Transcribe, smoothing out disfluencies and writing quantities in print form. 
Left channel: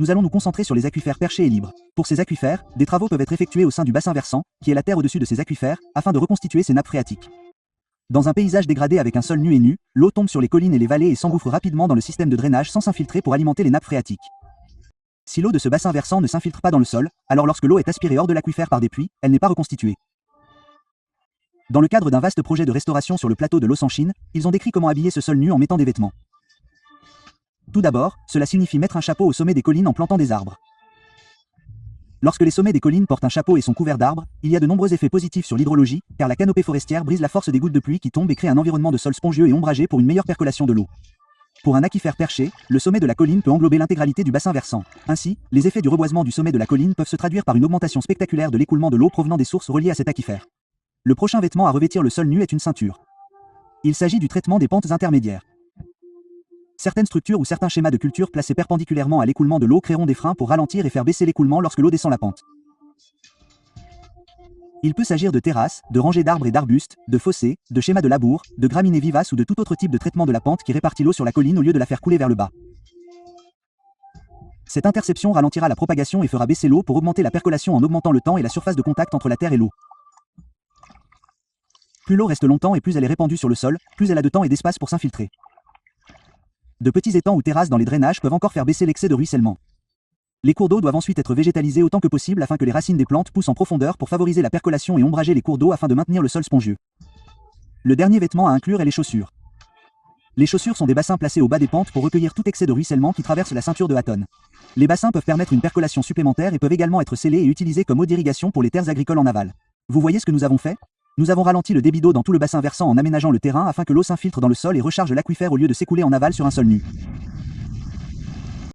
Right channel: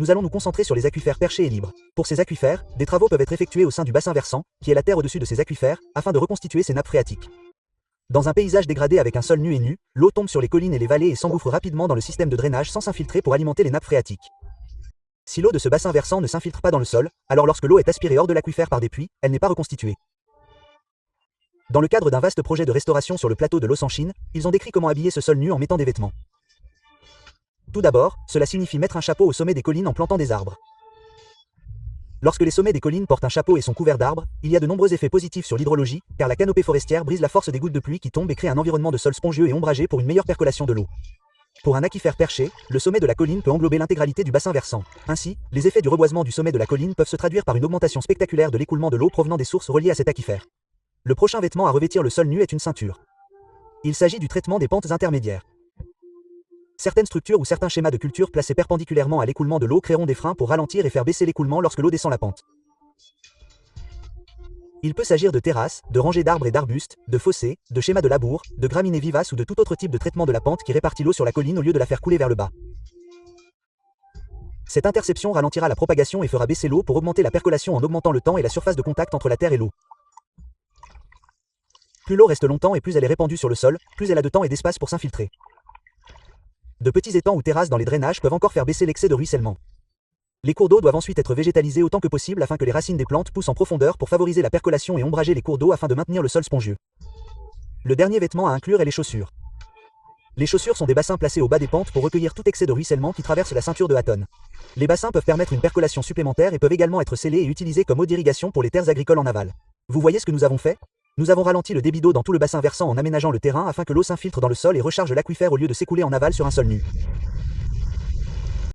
nous allons nous concentrer sur les aquifères perchés et libres. Pour ces aquifères, des travaux peuvent être effectués au sein du bassin versant, qui est la terre au-dessus de ces aquifères, afin de reconstituer ces nappes phréatiques. Dans un paysage dégradé avec un sol nu et nu, l'eau tombe sur les collines et les vallées et s'engouffre rapidement dans le système de drainage sans s'infiltrer pour alimenter les nappes phréatiques. Si l'eau de ce bassin versant ne s'infiltre pas dans le sol, alors lorsque l'eau est aspirée hors de l'aquifère par des pluies, elle n'est pas reconstituée. Dans le cadre d'un vaste projet de restauration sur le plateau de Los Anchines, ils ont décrit comment habiller ce sol nu en mettant des vêtements. Tout d'abord, cela signifie mettre un chapeau au sommet des collines en plantant des arbres. Lorsque les sommets des collines portent un chapeau et sont couverts d'arbres, il y a de nombreux effets positifs sur l'hydrologie, car la canopée forestière brise la force des gouttes de pluie qui tombent et crée un environnement de sol spongieux et ombragé pour une meilleure percolation de l'eau. Pour un aquifère perché, le sommet de la colline peut englober l'intégralité du bassin versant. Ainsi, les effets du reboisement du sommet de la colline peuvent se traduire par une augmentation spectaculaire de l'écoulement de l'eau provenant des sources reliées à cet aquifère. Le prochain vêtement à revêtir le sol nu est une ceinture. Il s'agit du traitement des pentes intermédiaires. Certaines structures ou certains schémas de culture placés perpendiculairement à l'écoulement de l'eau créeront des freins pour ralentir et faire baisser l'écoulement lorsque l'eau descend la pente. Il peut s'agir de terrasses, de rangées d'arbres et d'arbustes, de fossés, de schémas de labour, de graminées vivaces ou de tout autre type de traitement de la pente qui répartit l'eau sur la colline au lieu de la faire couler vers le bas. Cette interception ralentira la propagation et fera baisser l'eau pour augmenter la percolation en augmentant le temps et la surface de contact entre la terre et l'eau. Plus l'eau reste longtemps et plus elle est répandue sur le sol, plus elle a de temps et d'espace pour s'infiltrer. De petits étangs ou terrasses dans les drainages peuvent encore faire baisser l'excès de ruissellement. Les cours d'eau doivent ensuite être végétalisés autant que possible afin que les racines des plantes poussent en profondeur pour favoriser la percolation et ombrager les cours d'eau afin de maintenir le sol spongieux. Le dernier vêtement à inclure est les chaussures. Les chaussures sont des bassins placés au bas des pentes pour recueillir tout excès de ruissellement qui traverse la ceinture de Hatton. Les bassins peuvent permettre une percolation supplémentaire et peuvent également être scellés et utilisés comme eau d'irrigation pour les terres agricoles en aval. Vous voyez ce que nous avons fait? Nous avons ralenti le débit d'eau dans tout le bassin versant en aménageant le terrain afin que l'eau s'infiltre dans le sol et recharge l'aquifère au lieu de s'écouler en aval sur un sol nu.